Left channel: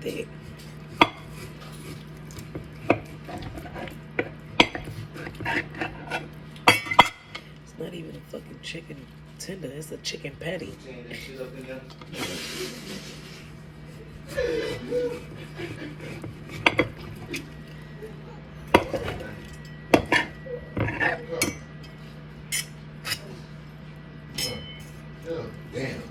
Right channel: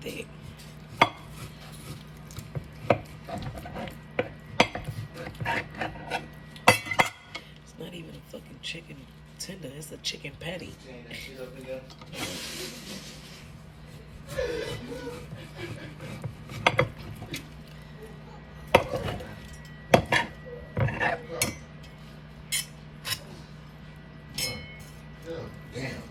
Thick. It's not even a fucking chicken tender, it's a chicken patty. Damn.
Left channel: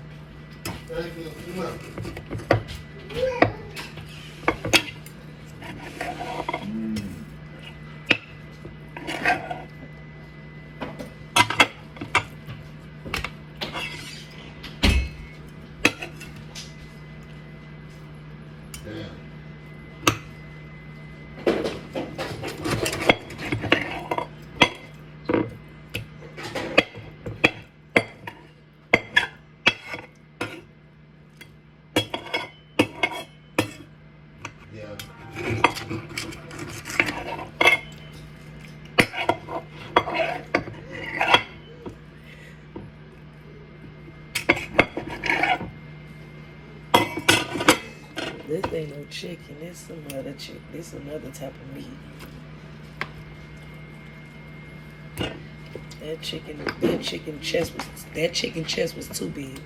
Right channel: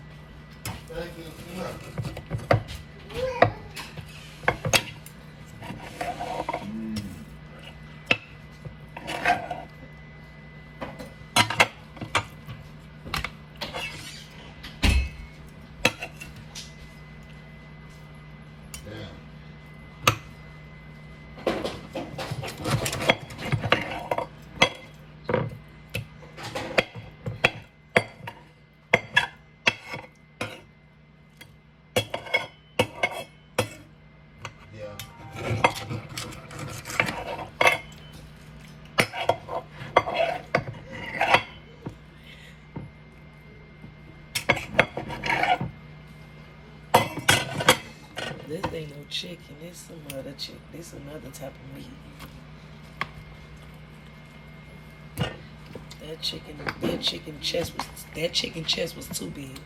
This ain't no chicken, it's some other chicken. This another type of meat. That chicken chest was too big.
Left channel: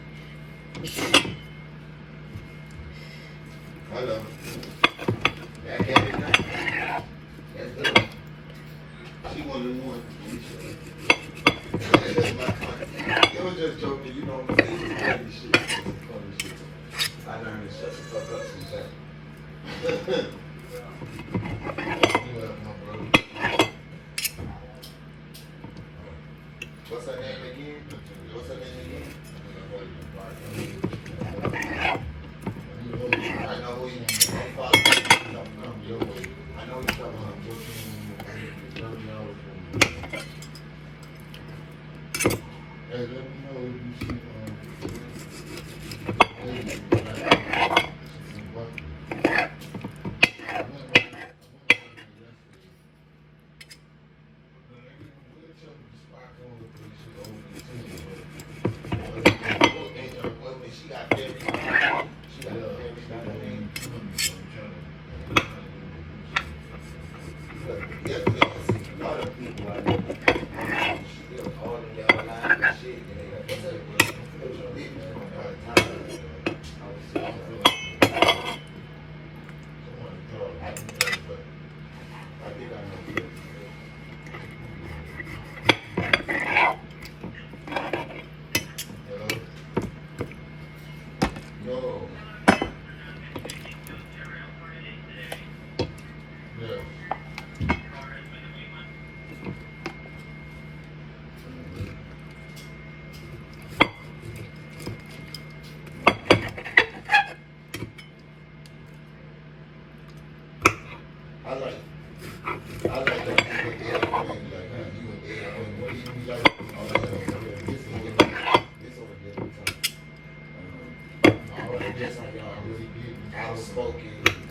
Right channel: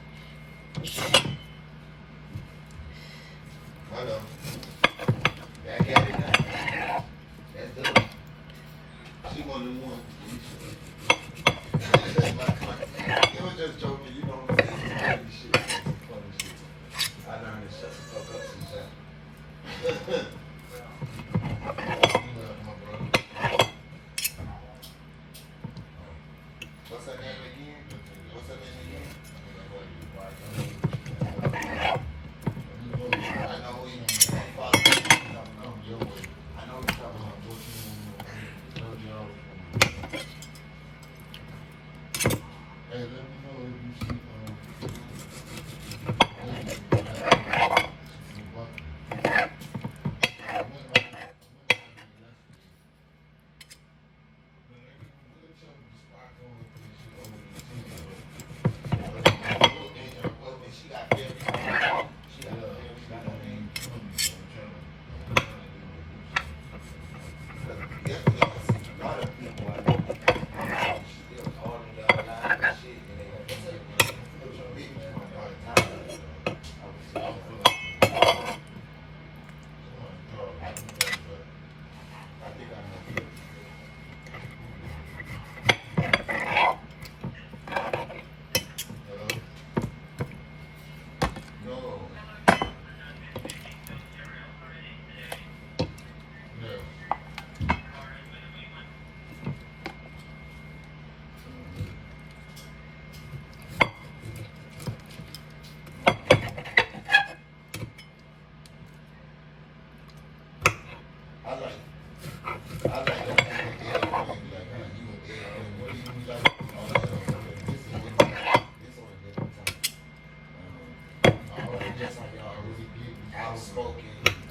Hello. That's good. She one of the ones. It was just joking, you know. Funny shit. I learned to shut the fuck up sometimes. What's her name again? I know who you follow. I know you're talking about. Hey, let me know if you see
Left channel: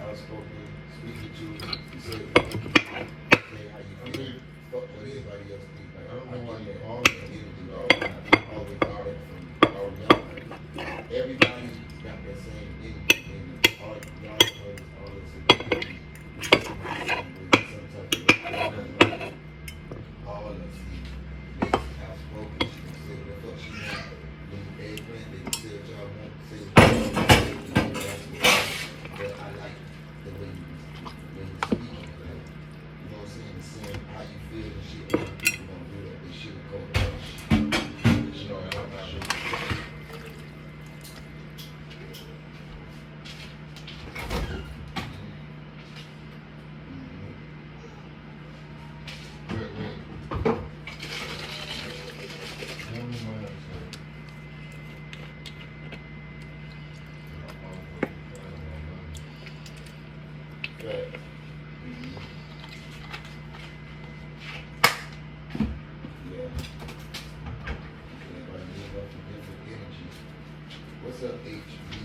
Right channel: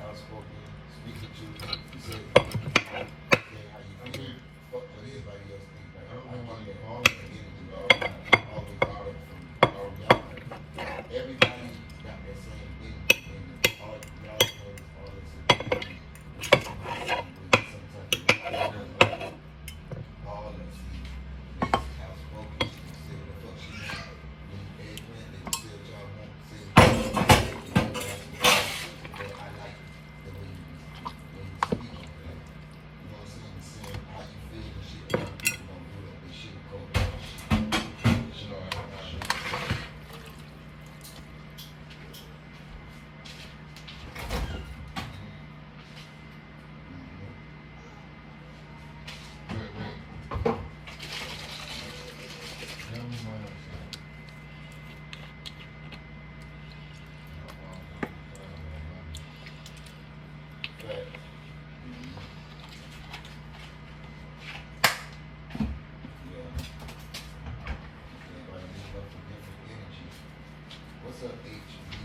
outspoken, speak with you, say how you feel, fuck what everybody else think. Like, I don't know why you always get it, you know, always got it from all y'all. Everybody got that same energy, and all y'all all this all of you, outspoken, she can say what the fuck she wants. When they friends, they can say what y'all want to say. But I like the way you speak. Like, What's up, H?